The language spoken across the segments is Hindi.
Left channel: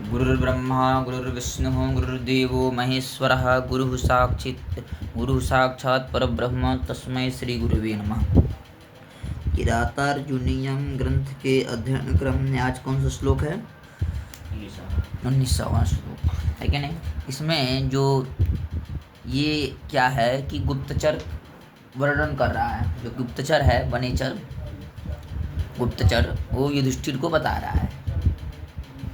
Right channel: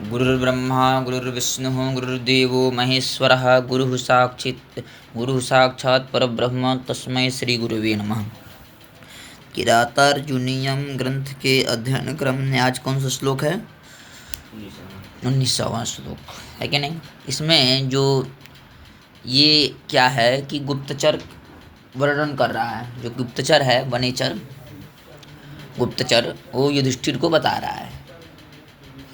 गुरुर्ब्रह्मा गुरुर्विष्णुः गुरुर्देवो महेश्वरः गुरुः साक्षात् परब्रह्म तस्मै श्री गुरुवे नमः। किरातार्जुनीयम ग्रंथ के अध्ययन क्रम में आज कौन सा श्लोक है? 19वां श्लोक है कि नहीं? इसमें जो ये क्या है कि गुप्तचर वर्णन कर रहा है। जो गुप्तचर है वनेचर गुप्तचर वो युधिष्ठिर को बता रहा है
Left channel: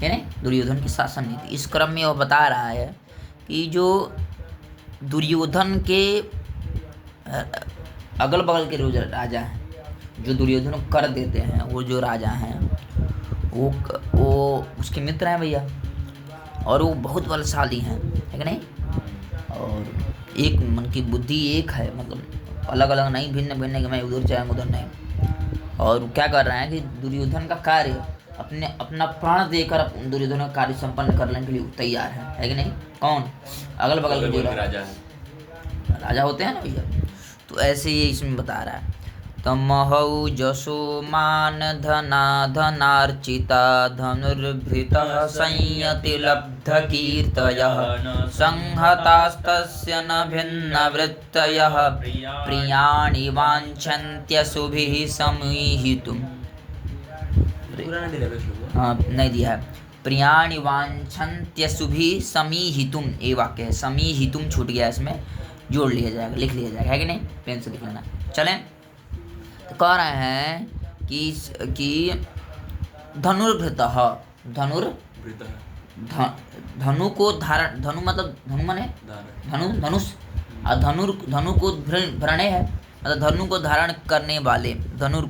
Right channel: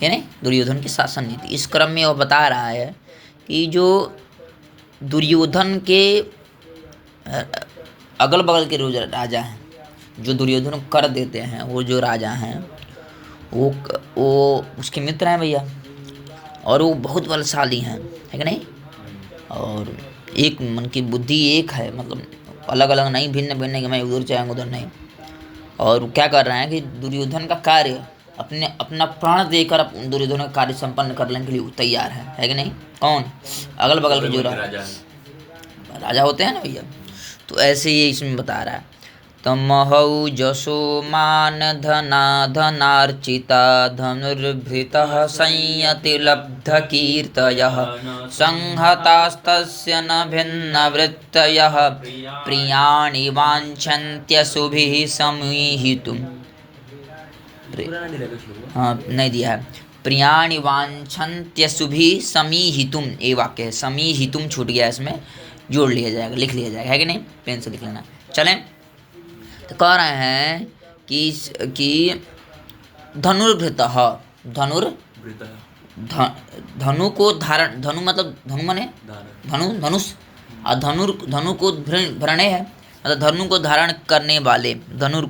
नहीं, दुर्योधन की शासन नीति। इस क्रम में वह बता रहा है कि जो दुर्योधन के अगल बगल के जो राजा हैं, जो दुर्योधन को कर देते हैं, वो जो राजा हैं वो उसके मित्र हैं भैया, और वो बहुत बलशाली हैं, है कि नहीं? और एक मन की बुद्धि एक है, मतलब अलग अलग नहीं, भिन्न भिन्न कि मैं उधर जाऊँगा उधर नहीं। और क्या कर रहे हैं कि दुर्योधन का कार्य अपना प्राण देकर दुर्योधन का कार्य संपन्न करने के लिए तैयार है कि नहीं? कौन? अगल बगल के जो राजा होते हैं ना भैया, तो ऐसे ये इसमें बता रहा है। तमहौ जसो मान धना धनार्चिता धनुर्भृतः संयति लब्ध कीर्तयः संहतास्तस्य न भिन्न वृत्तयः प्रियाणि वाञ्छन्त्यशुभिः समीहितुम्। हाँ, नहीं दिया है। प्रियाणि वाञ्छन्त्यशुभिः समीहितुम्, ये वाक्य है। समीहितुम् छूट गया, इसमें जोड़ लिया जाएगा, लिख लिया जाएगा, है कि नहीं? पेन से लिख लेना। चलें, तो कह रहे हैं कि धनुर्भृतः धनु को धारण, धनु मतलब धनु माने धनुष, और धनु को भरणे है, मतलब धनु को धारण करने वाले, धनुर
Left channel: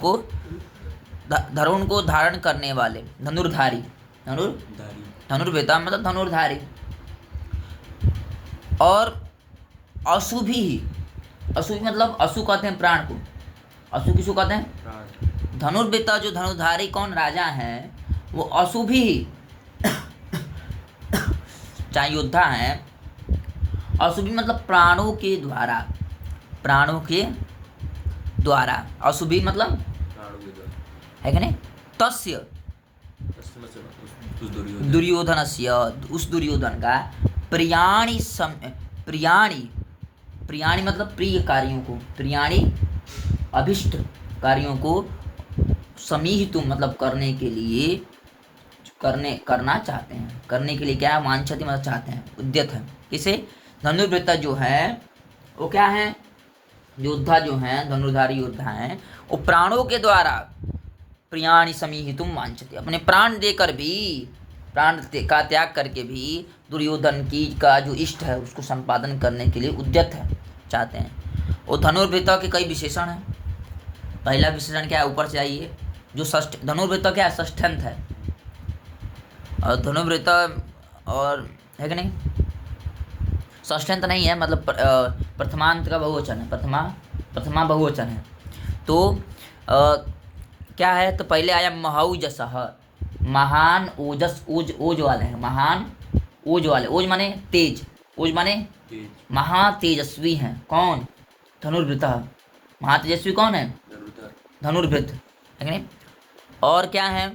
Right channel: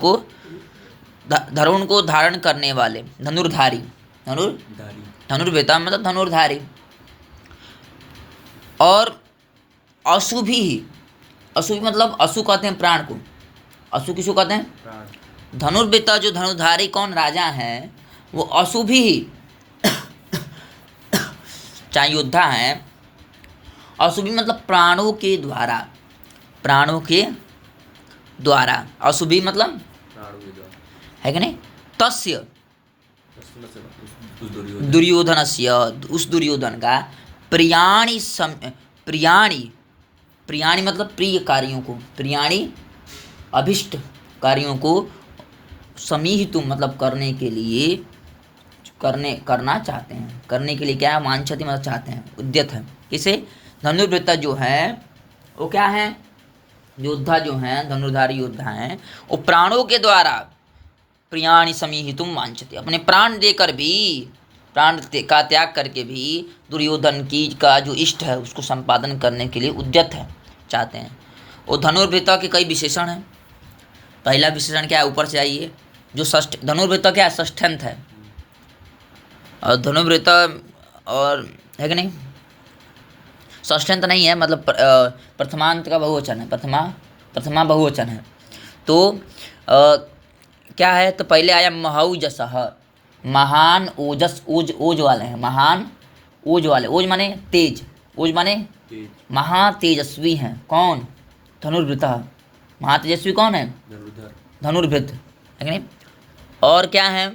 को धारण करने वाले, धनुर्धारी धनुर्भृता मतलब धनुर्धारी। और अशुभी मतलब अशु कहते हैं प्राण को। अशु किसको कहते हैं? धनुर्भृता जो धनुर्धारी कौन राजा हैं वो अशुभी चाहे योद्धा हैं। अशुभी मतलब प्राणों के द्वारा अशुभी मतलब है कि नहीं? तस्य दुर्योधनस्य, उस दुर्योधन का प्रियाणि मतलब प्रिय कार्यों को, प्रियाणि अभिष्ट कार्यों को, समीहितुं मतलब करने के लिए करना चाहते हैं। करने के लिए क्या है? वांछति मतलब चाहते हैं, उद्यत है। किसे? धनुर्वृत्ता जो है वो क्या है? योद्धा जो हैं, धनुर्धारी योद्धा हैं, वो प्राणों के द्वारा प्रियाणि समीहितुं वांछति, अपने प्राण देकर भी, प्राण का त्याग करके भी दुर्योधन का जो इष्ट है उसको संपादन करने के लिए उद्यत है, चाहते हैं। वो धनुर्वृत्ता के कई विशेषण हैं। पहला विशेषण क्या है? ऊपर से आइए, जो धनुर्वृत्ता क्या है? षष्ठ्यंत है। और धनुर्वृत्ता और है कि नहीं? षष्ठ्यंत नहीं है, मतलब प्रथमांत का बहुवचन है, प्रथमा बहुवचन है। तो क्या है? तो पहले आया महौजसः, महान ओजस, ओज वाले हैं, महान ओज वाले। ओज माने तेज, ओज माने महातेजस्वी हैं। कौन? धनुर्वृत्तः। महातेजस्वी कौन है? धनुर्वृत्त, है नहीं? और क्या है?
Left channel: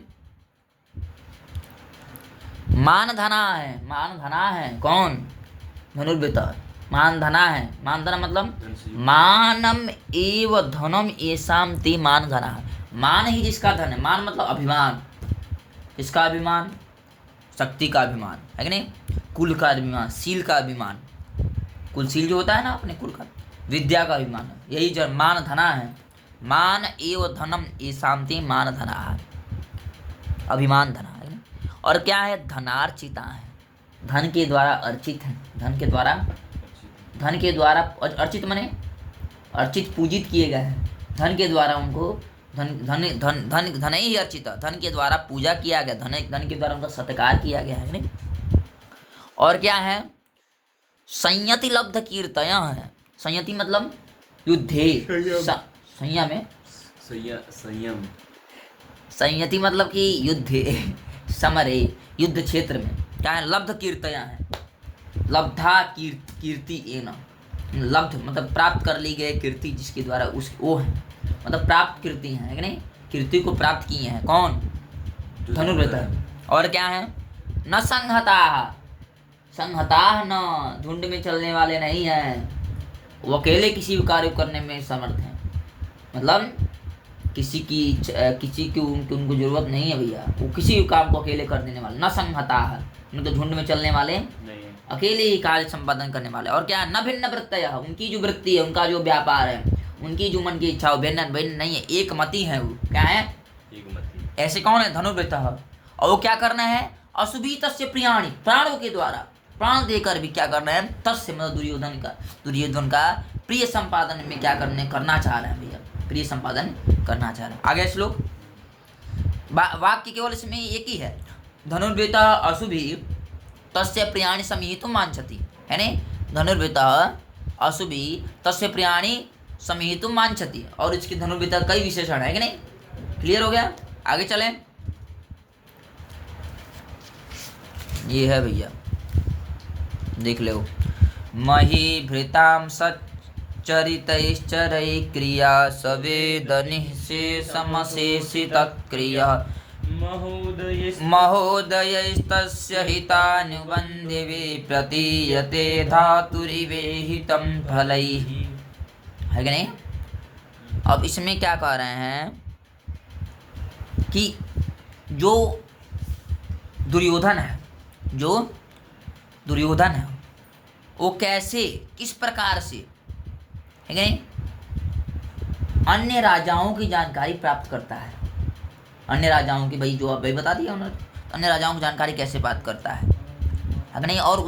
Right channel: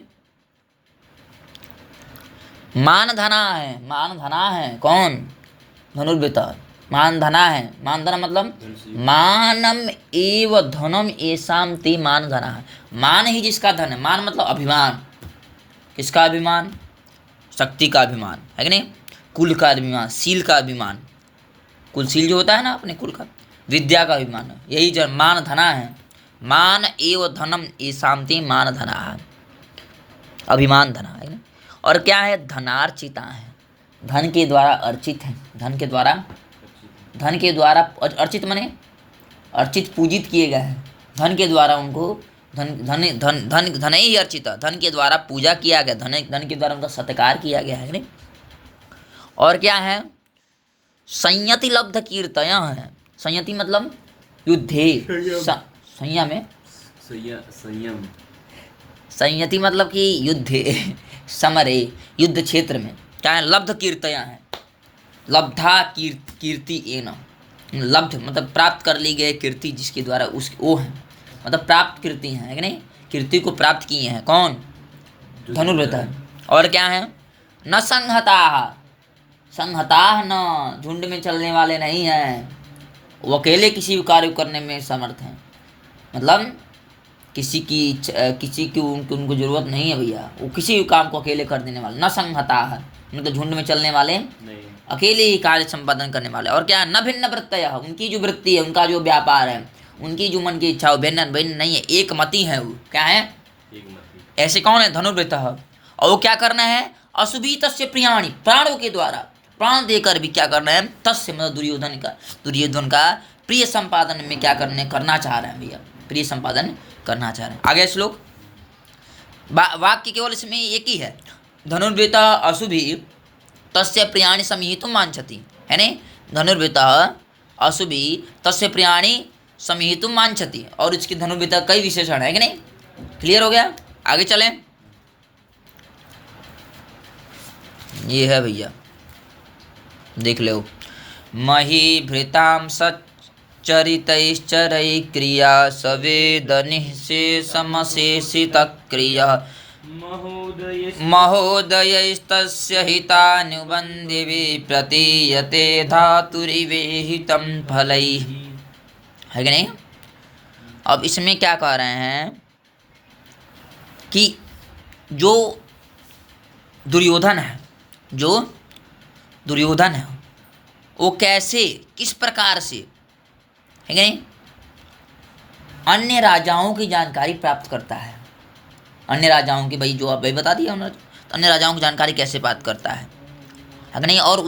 मानधना है। कौन? धनुर्वृत्तः। मानधना है। मानधना मतलब मानम एव धनम एसाम ते मानधना है। मान ही जिसका धन है। मान मतलब अभिमान। किसका अभिमान? शक्ति का अभिमान, है कि नहीं? कुल का अभिमान, शील का अभिमान, कुलशील जो होता है ना अपने कुल का, विद्या का अभिमान, यही जो मान धना है। मान एव धनम एसाम ते मान धना है, अभिमान धना, है ना? और क्या है? धनार्चिता है, धन के द्वारा अर्चित है। धन के द्वारा अर्चित माने अर्चित, पूजित किए गए हैं। धन के द्वारा उनको धन ही अर्चिता, धन के द्वारा पूजा किया गया, धन के द्वारा उनका सत्कार किया गया, है नहीं? और क्या है? संयति लब्ध कीर्तय है। संयति मतलब युद्धे, संयति मतलब कि युद्धे, समरे, युद्ध क्षेत्र में क्या है? लब्ध कीर्तय है। लब्धा कीर्ति एन, लब्ध मतलब प्राप्त कर ली गई कीर्ति जिसके द्वारा वो है, मतलब प्राप्त कीर्ति है कि नहीं? कीर्ति को प्राप्त किए हैं। कौन? धनुर्वृत्त है। और क्या है? न संहताः, संहताः न, झुंड में चलने वाले नहीं हैं, वो अकेले किसी भी कार्य को करने में समर्थ हैं। मतलब किसी की उनको जरूरत नहीं है भैया, वो किसी भी काम को अकेले कर देने वाले। न संहताः, उनको झुंड में चलने वाले नहीं, अकेले ही कार्य संपादन करने वाले। और क्या, न भिन्न वृत्तयः, उनकी जो वृत्ति है, उनका जो व्यापार है, उनकी जो मन की इच्छा, भिन्न भिन्न नहीं है, एक मति है। वो क्या है, एक मति। ऐसे कौन है, धनुर्वृत्तः। और वो क्या करना है, अशुभी तस्य प्रियाणि, प्राणों के द्वारा, प्राण देकर भी क्या करना है, तस्य मतलब दुर्योधन का प्रिय संपादन में क्या करना चाह रहे हैं भैया, प्रिय संपादन करना चाह रहे हैं। आगे श्लोक, वाक्य केवल इसमें एक ही है, धनुर्वृत्तः अशुभी तस्य प्रियाणि समीहितुं वांछति, है नहीं, धनुर्वृत्तः अशुभी तस्य प्रियाणि समीहितुं वांछति। और इसकी धनुर्वृत्तः कई विशेषण है कि नहीं, क्लियर हो गया। आगे चलें, ये है भैया, देख लो, महीभृतां सच्चरितैश्चरैः क्रिया सवेदनिःशेषमशेषितक्रिया महोदयैस्तस्य हितानुबन्धिभिः प्रतीयते धातुरिवेहितं फलैः, है कि नहीं। अब इसमें क्या कह रहे हैं कि जो दुर्योधन है वो कैसे, किस प्रकार से, है कि नहीं, अन्य राजाओं की जानकारी प्राप्त करता है। अन्य राजाओं की, भाई जो आप भाई बता दिया उन्होंने, तो अन्य राजाओं की जानकारी कैसे प्राप्त करता है कि नहीं। और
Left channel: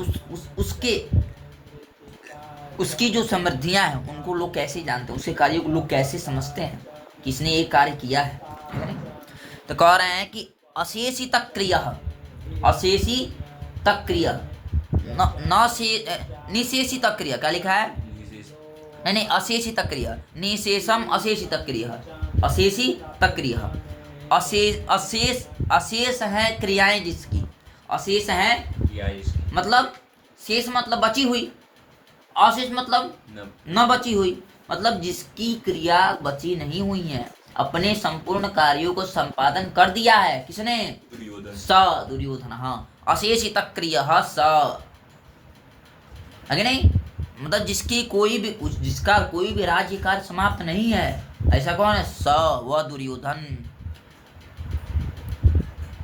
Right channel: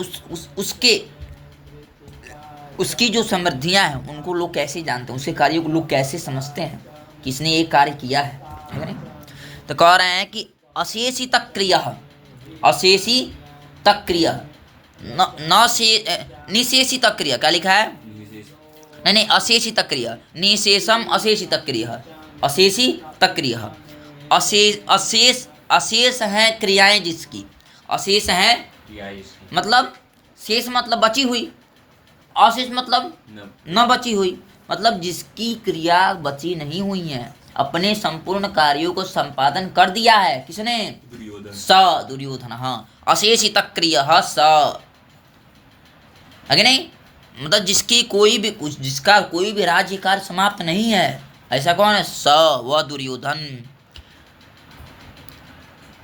उसकी जो समृद्धियां हैं उनको लोग कैसे जानते हैं, उसके कार्यों को लोग कैसे समझते हैं कि इसने ये कार्य किया है कि नहीं। तो कह रहे हैं कि अशेषी तक क्रिया निशेषित क्रिया, क्या लिखा है, नहीं, अशेषित क्रिया, निशेषम अशेषित क्रिया, अशेषित क्रिया, अशेष है क्रियाएं जिसकी, अशेष है मतलब, शेष मतलब बची हुई, अशेष मतलब न बची हुई, मतलब जिसकी क्रिया बची नहीं हुई है, अपने संपूर्ण कार्यों को संपादन कर दिया है, किसने, दुर्योधन। हाँ, अशेषित क्रिया स, है नहीं, मतलब जिसका कोई भी राज्य कार्य समाप्त नहीं है, ऐसा कौन है, स, वह दुर्योधन।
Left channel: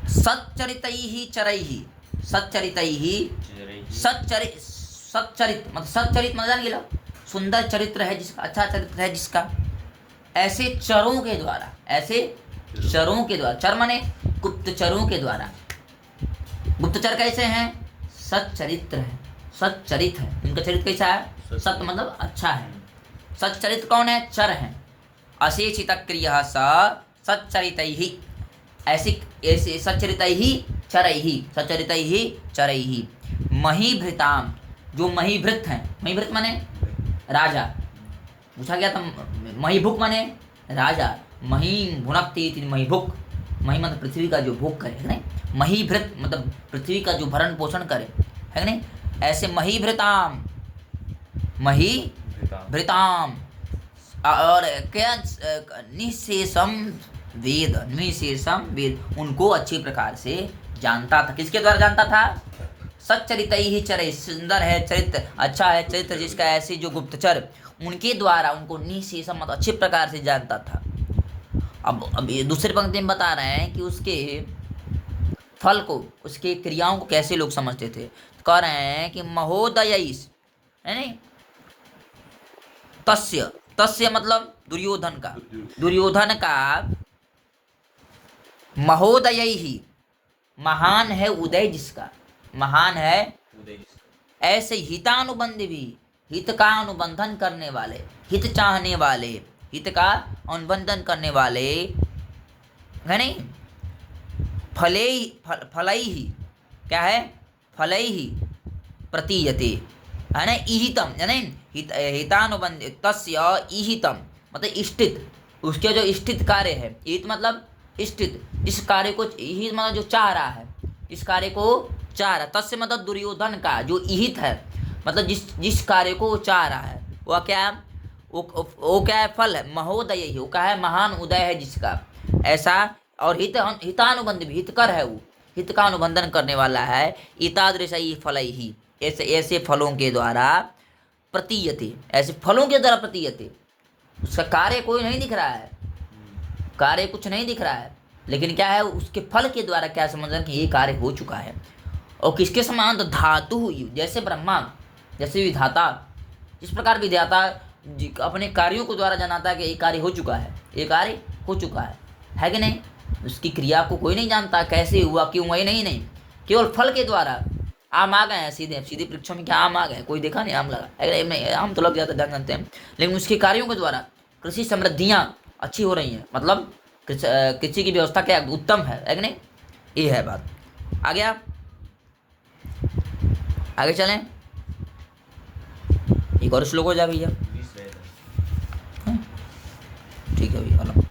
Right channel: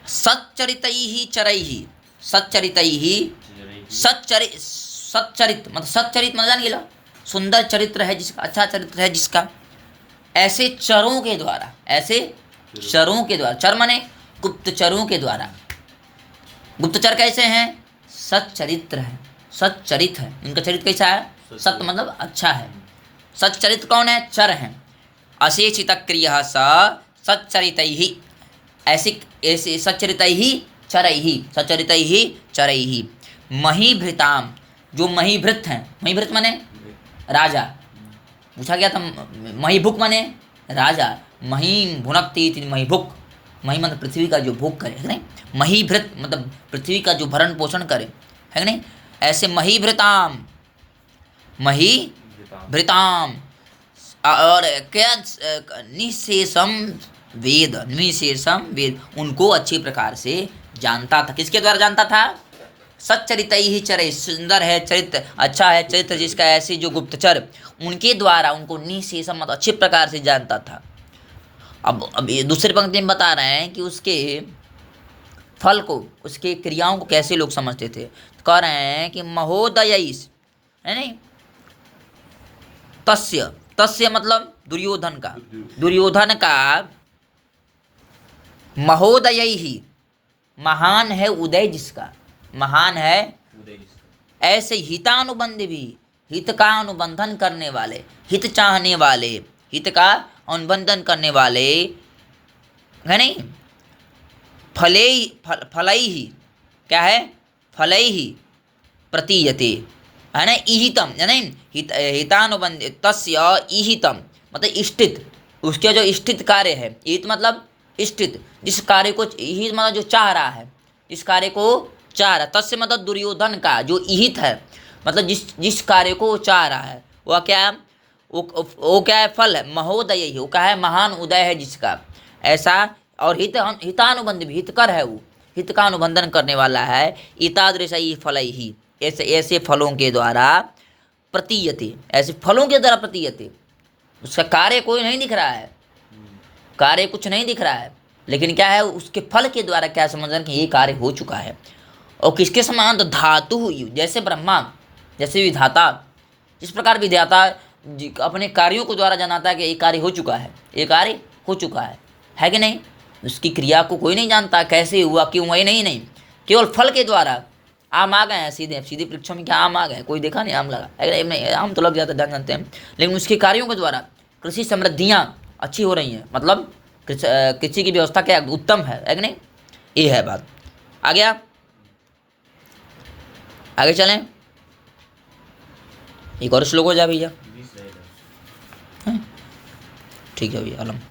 सच्चरितैः चरैः, सच्चरित मतलब जान लो, सुंदर चरित्र है जिसका, अच्छा चरित्र है जिसका, ऐसे चरों के द्वारा, चर माने गुप्तचरों के द्वारा। गुप्तचर कैसे हैं, सच्चरित्र है, सच्चरित है, इनका चरित्र कैसा है, सत्य मतलब अच्छा है। सच्चरित्र कौन है, चर है। अशेषित क्रिया सच्चरितैः, ऐसे सच्चरितैः चरैः। महीभृताम, जो महीभृत हैं, महीभृत माने राजा, पूछा गया था, महीभुक माने राजा, महीं भुनक्ति महीभुक, मही मतलब पृथ्वी का जो भोग करे, है नहीं, महीभृत मतलब पृथ्वी का जो भरण पोषण करे, है नहीं। ऐसे महीभृताम और क्या, निशेषम वेद, उनको अच्छी प्रकार से जानता था। किसके द्वारा जानता था, सच्चरितैः चरैः, सुंदर है चरित्र, अच्छा है चरित्र जिसका, ऐसे जो गुप्तचर, उनके द्वारा उनको निशेषम मतलब अच्छी प्रकार से जानता था। अब ये दूसरी पंक्ति में बता रहे हैं कि उसके फल को, उसके क्रियाओं को कैसे लोग समझते थे। तो कह रहे हैं कि महोदयैस्, है नहीं, तस्य मतलब दुर्योधन का महोदयैः, महान है उदय जिसका, महान है ऐसे हितानुबंध भी, हित का अनुबंधन करने वाले, हित चाहने वाले, हित का अनुबंधन करने वाले, है नहीं, फलैहि, क्या है, फलैहि प्रतीयते, है ना, ईहितम, है नहीं, हितानुबंध तस्य ईहितम मतलब इष्टित, उसके जो इष्टित कार्य है, ईहित मतलब इष्टित, जिस कार्य को, ईहित मतलब जो चाह रहा है, इस कार्य को चाह रहा, तस्य मतलब दुर्योधन का जो ईहित है, मतलब जिस कार्य को वो चाह रहा है, वह क्या, वो क्या है, फल है, महोदय वो क्या है, महान उदय है जिसका, ऐसा। और हितानुबंध भी, हितकर है वो, हित का अनुबंधन करने वाला है। एतादृशई फलैहि, ऐसे ऐसे फलों के द्वारा प्रतीयते, ऐसे फलों के द्वारा प्रतीयते। उसका कार्य कोई नहीं दिख रहा है, कार्य कुछ नहीं दिख रहा है, लेकिन क्या है, उसके फल के द्वारा क्या समझना कि ये कार्य हो चुका है। और किसके समान, तो धातु, जैसे ब्रह्मा, जैसे विधाता, जिस प्रकार विधाता अपने कार्यों को द्वारा जनाता है कि ये कार्य हो चुका है, ये कार्य हो चुका है कि नहीं। उसकी क्रिया को कोई नहीं जानता, कैसे हुआ, क्यों हुआ, ये नहीं, केवल फल के द्वारा। आम आ गए हैं सीधे सीधे वृक्षों में, क्या आम आ गए, कोई देखा नहीं आम लगा, अरे नहीं, आम तो लग जाता है, जानते हैं, लेकिन उसके कार्यों के द्वारा कृषि समृद्धियाँ अच्छी हो रही हैं, मतलब कृषि की व्यवस्था क्या उत्तम है कि नहीं। ये है बात। आ गया, आगे चलें। एक और श्लोक हो जाए भैया। ठीक है भैया, अलम।